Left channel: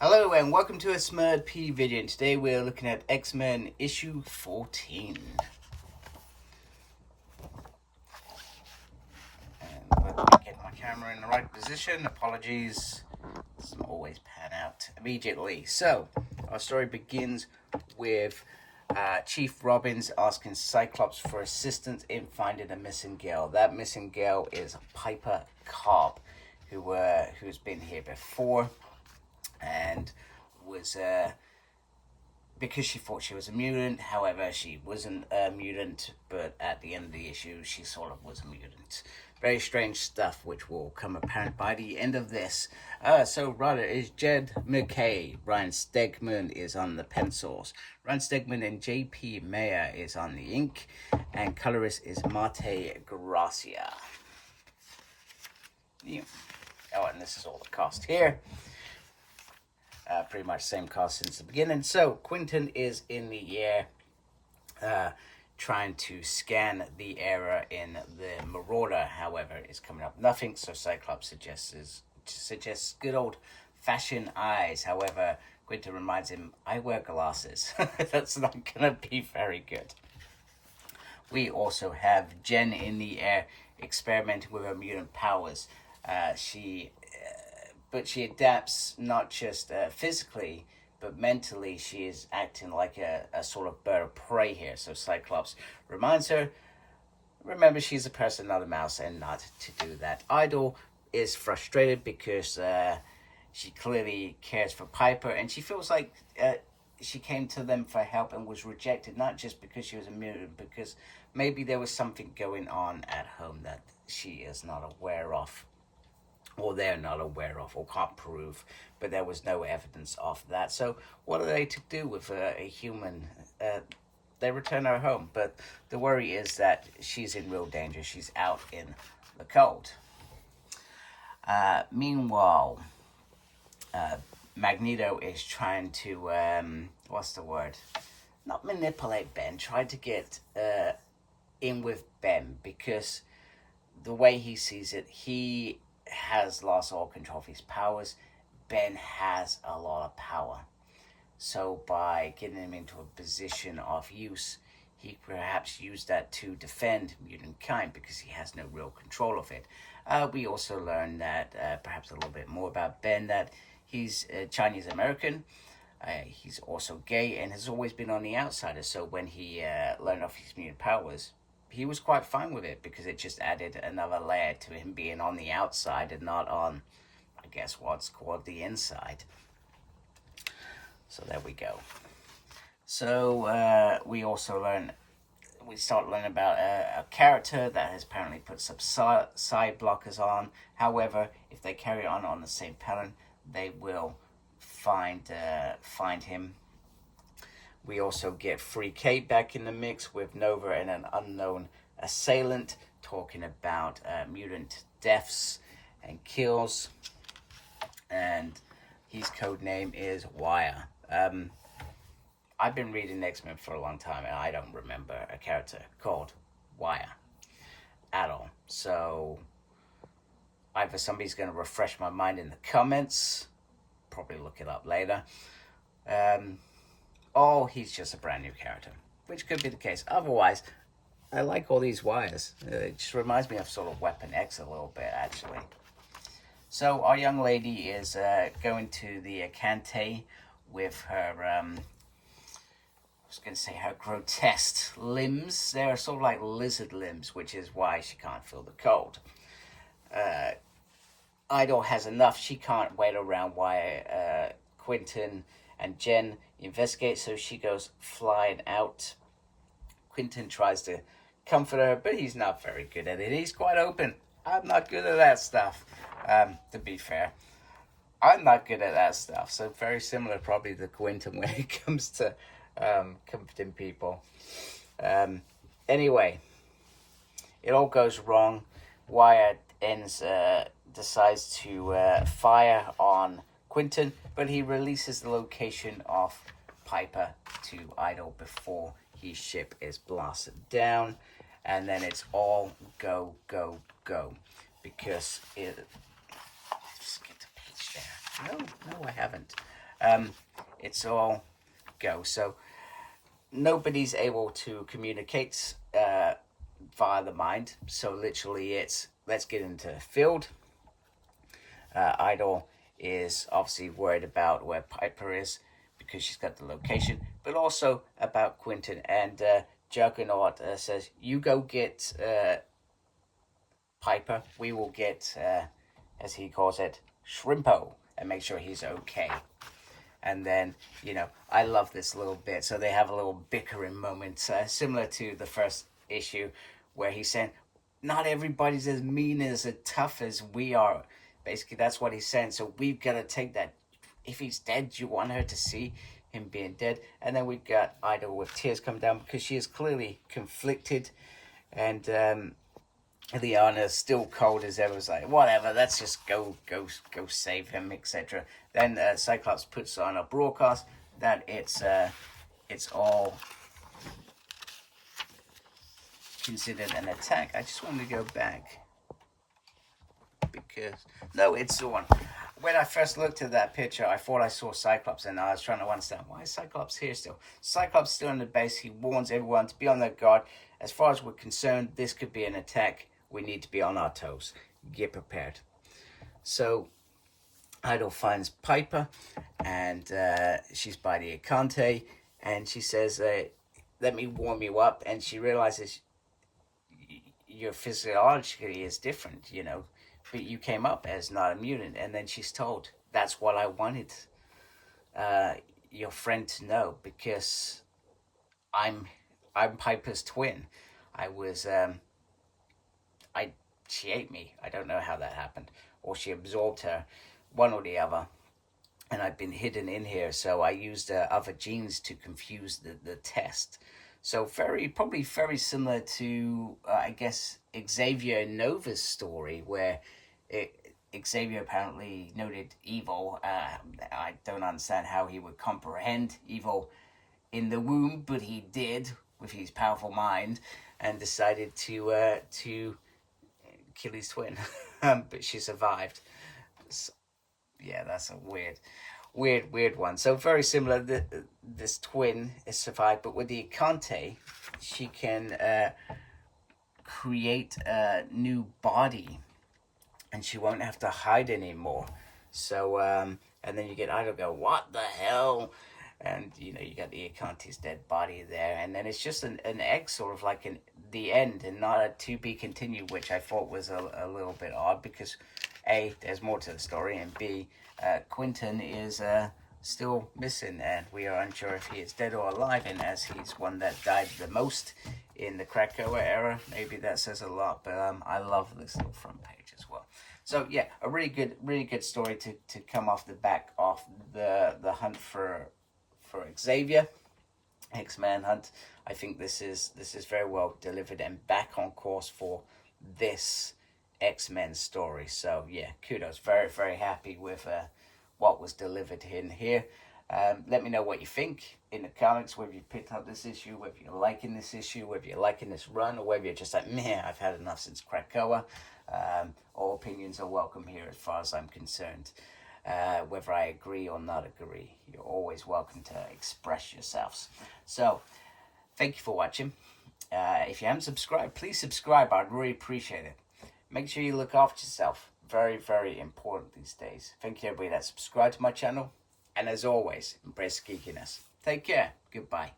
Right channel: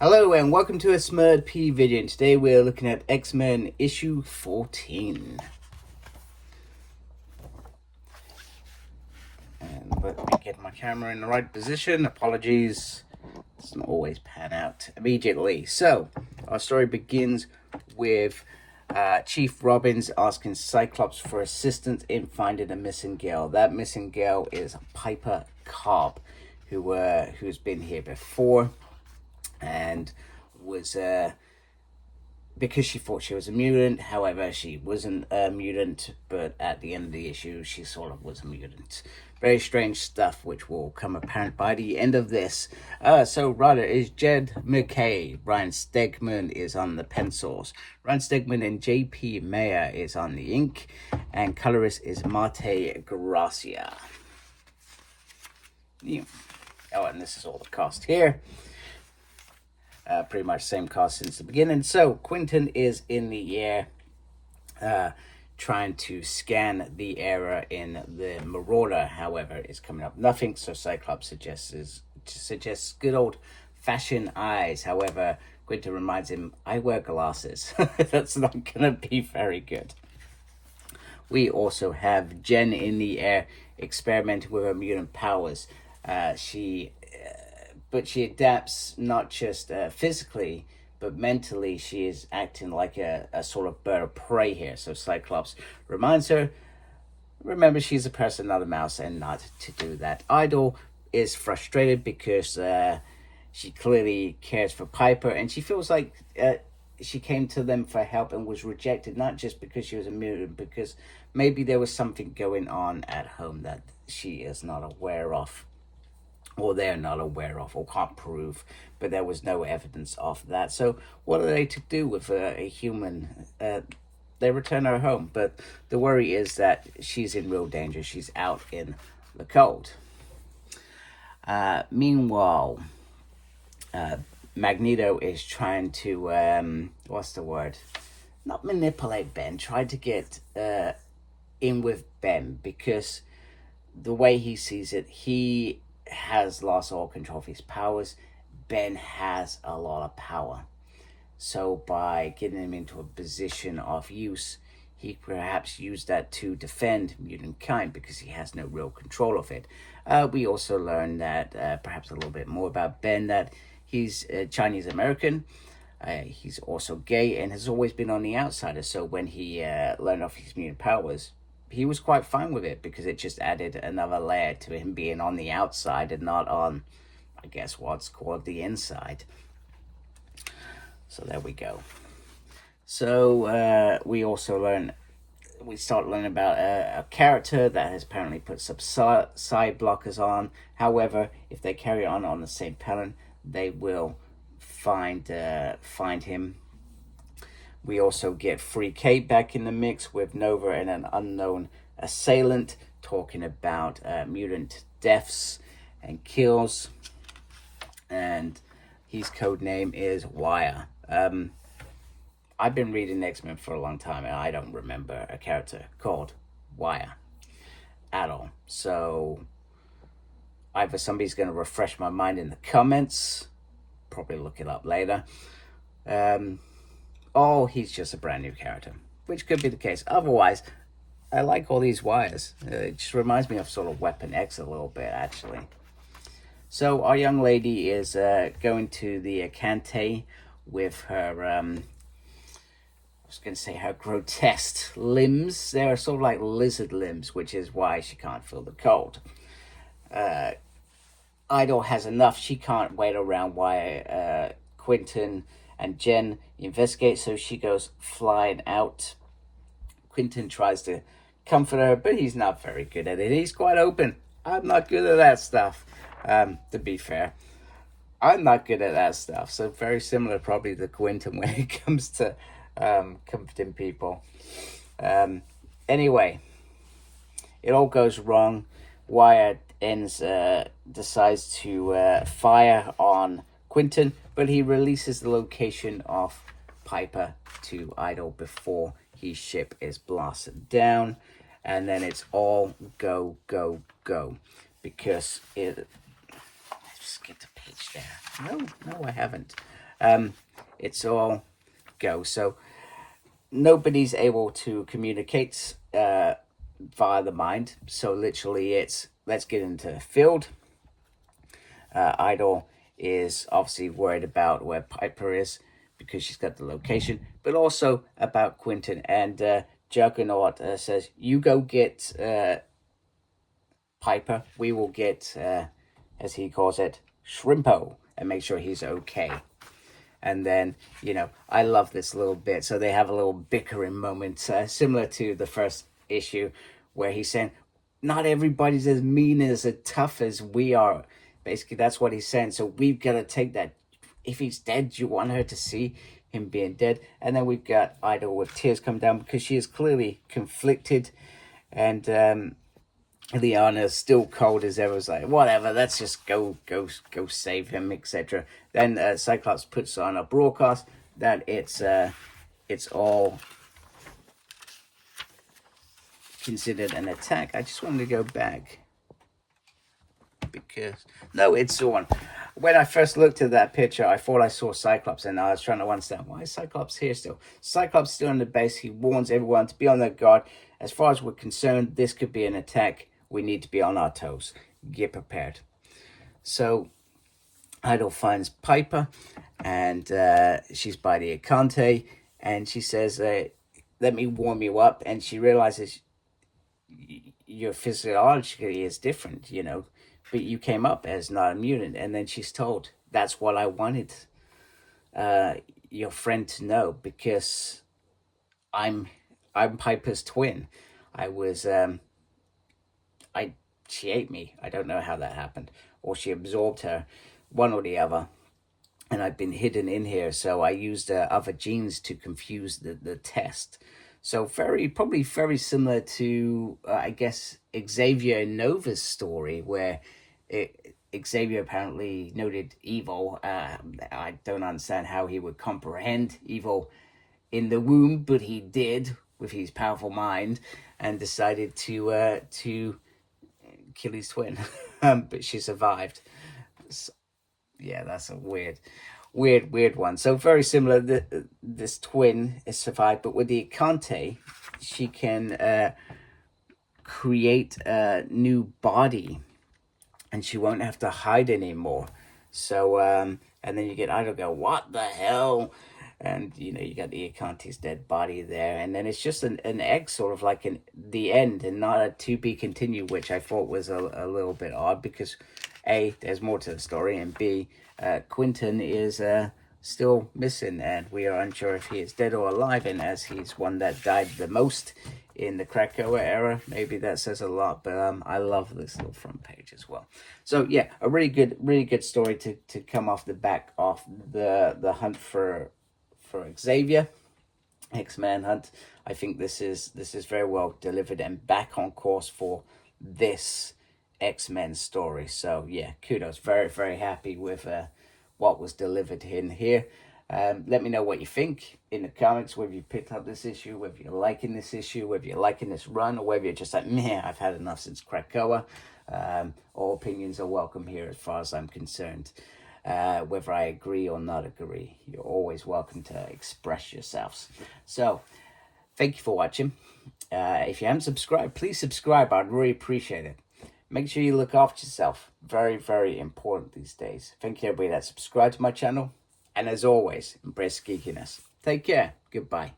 Hello and welcome to a Smurd P video. And today we're looking at X-Men issue 14. And let me get my camera in the right position. Apologies, doesn't always pan out immediately. So our story begins with Chief Robbins asking Cyclops for assistance in finding a missing girl. That missing girl is Piper Cobb, who's been here before and was because she thought she was a mutant. However, she wasn't a mutant, but at the end of the issue she sort of was a mutant. Very strange stuff, which will come apparent by the end of this. So writer is Jed MacKay. Ryan Stegman is on the pencils. Ryan Stegman and JP Mayer is on the ink, and colorist is Marte Gracia. Yeah. Oh, and this is all the cast here. Pretty much same cast since the beginning. So Quentin is in the air trying to scan the error in the Marauder. However, it's coming up nothing, so Cyclops suggests good old fashioned eyes. However, Quentin reminds him, I wear glasses. That's not gonna be very good. We also have Jen in the air experimenting with her mutant powers. But she adapts not just physically, but mentally. She is acting like a sort of bird of prey here. So Cyclops reminds her, remember, she's a person, not a mouse, and not to do that. Idol is frustrated because she clearly cares for Piper, and she feels like she came to them for help and was rejected, not just because she was a mutant, because maybe there was something going on at home that she is not aware of, or they're not aware of, or can't prove, but there was no evidence of that. So what are they to do with a human? They return her home, but the worry is that she's in real danger. She's out in the cold. Meanwhile, Magneto is trying to, what's the word? Not manipulate Ben, try to get in with Ben, because the way he sees it, he has lost all control of his powers. Ben has a lot of power. So by getting him into a position of use, he perhaps used that to defend mutant kind because he has no real control of it. We also learn that, perhaps a little bit more about Ben, that he's Chinese American. He's also gay and has always been on the outsider. So when he learned of his mutant powers, he was quite fine with it because it just added another layer to him being on the outside and not on, I guess, what's called the inside. So there we go. So we start learning about a character that has apparently put some side blockers on. However, if they carry on the same pattern, they will find him. We also get Free Kate back in the mix with Nova and an unknown assailant talking about mutant deaths and kills. And his code name is Wire. I've been reading X-Men for a long time and I don't remember a character called Wire at all. So either somebody's going to refresh my mind in the comments, probably look it up later, oh, he's just a brand new character, which could be the case. Otherwise, I like all these wires. It just reminds me of sort of Weapon X a little bit, actually. So our young lady is going to the Acante with her, I was going to say her grotesque limbs. They're sort of like lizard limbs, which is why she can't feel the cold. Idol has enough. She can't wait around while Quentin and Jen investigate, so she goes flying out. Quentin tries to comfort her, but he's not very good at it. He's quite open. I'm not good at that stuff. To be fair, I'm not good at that stuff. So very similar probably to Quentin when it comes to comforting people. Anyway, it all goes wrong. Wyatt decides to fire on Quentin, but he releases the location of Piper to Idol before his ship is blasted down, and then it's all go, go, go, because it... Just get the page there. No, I haven't. it's all go. So nobody's able to communicate via the mind. So literally it's, let's get into the field. Idol is obviously worried about where Piper is because she's got the location, but also about Quentin. And Juggernaut says, you go get Piper. We will get, as he calls it, Shrimpo, and make sure he's okay. And then, you know, I love this little bit. So they have a little bickering moment, similar to the first issue, where he's saying, not everybody's as mean, as tough as we are. Basically, that's what he's saying. So we've got to take that. If he's dead, you want her to see him being dead. And then we've got Idol with tears come down because she is clearly conflicted. And Liana's still cold as ever. Was like, whatever, let's just go save him, etc. Then Cyclops puts on a broadcast that it's all considered an attack. I just wanted to go back because no, it's the one. When I first looked at that picture, I thought I saw Cyclops, and I was trying to understand, why is Cyclops here still? Cyclops still in the base. He warns everyone to be on their guard. As far as we're concerned, this could be an attack. We need to be on our toes. Get prepared. So Idol finds Piper, and she's by the Acante, and she says, let me warm you up. And she realizes your physiology is different, you know, but you came up as not a mutant. And then she's told, that's what I wanted your friend to know, because I'm Piper's twin. She ate me. I don't know how that happened, or she absorbed her, one or the other. And I've been hidden in here, so I used other genes to confuse the test. So probably very similar to, I guess, Xavier Nova's story, where Xavier apparently noted evil. I don't understand how he would comprehend evil in the womb, but he did with his powerful mind, and decided to kill his twin. But she survived. So, yeah, that's a weird one. So very similar. This twin is survived, but with the Acante, she can create a new body, and she won't have to hide anymore. So and then you get Idol go, what the hell? And you know, you got the Acante's dead body there, and then it's just an egg, sort of like the end, and not a to be continued, which I thought was a little bit odd, because A, there's more to the story, and B, Quentin is still missing, and we are unsure if he is dead or alive. And as he's one that died the most in the Krakoa era, maybe that says a lot. But I love this little front page as well. So yeah, a really good story to come off the back of the hunt for Xavier, X-Man hunt. I think this is very well delivered and back on course for this X-Men story. So yeah, kudos. Very happy with what was delivered in here. Let me know what you think in the comments, whether you picked up this issue, whether you're liking this issue, whether you're liking this run, or whether you're just like, meh, I've had enough since Krakoa. All opinions are welcome here as far as I'm concerned. Whether I agree or not agree, you're always welcome to express yourselves. So thank you for watching. If you haven't subscribed, please subscribe. I'd really appreciate it. Make sure you look after yourself. Very important these days. Thank you everybody that subscribed to my channel. And as always, embrace geekiness. Take care. Goodbye.